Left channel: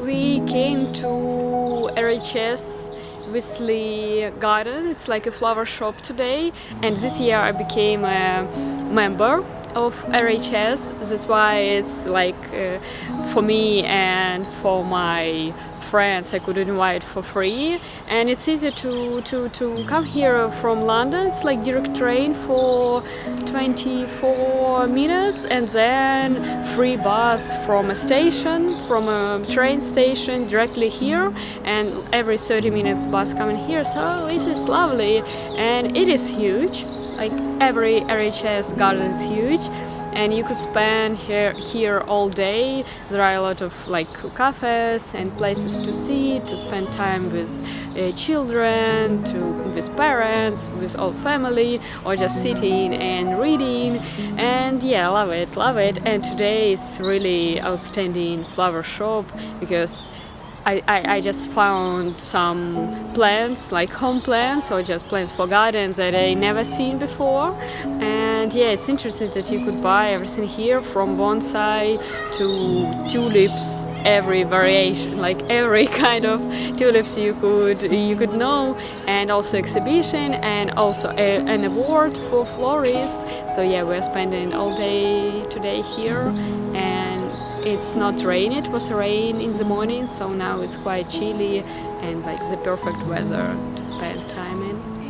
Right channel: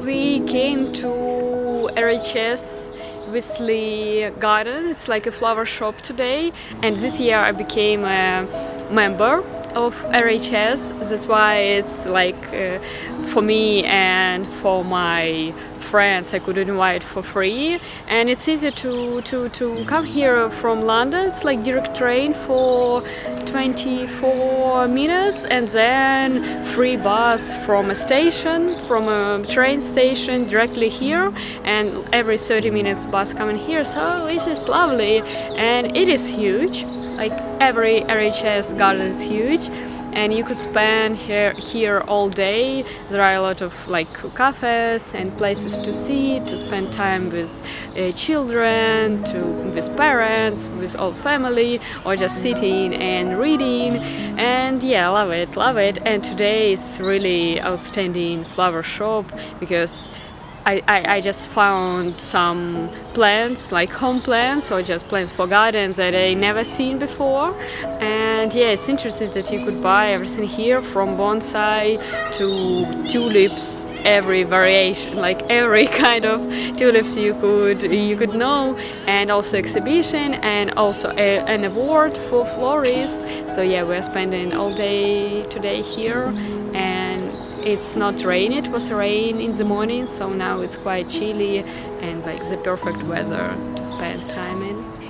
We came to RHS Wisley Garden. It's like a flower shop today, and this year I became a member of RHS. That's why it's like for me and for my friends I could invite for free, and it's easy to come here from London. It's like direct train for 24 minutes, and then free bus from a station, from a train station directly here, and every 30 minutes bus coming here. So it is lovely, and it is huge. Like every RHS garden is huge, and you could spend here all day. There are a lot of like cafes and places to see, to spend time with children, with parents, with all family, or just sitting and reading. And yeah, love it. And today is really outstanding flower shop because I just found some plants, like home plants or just plants for gardens that I never seen before. And yeah, it's interesting that you could buy everything here, from bonsai to tulips, every variation, like every kind of tulips you could know, and also exhibition, and also an award for florist. So yeah, we're spending all day today here, and it's not rain. It was rain in the morning, so now it's quite chilly and like the perfect weather to spend time in.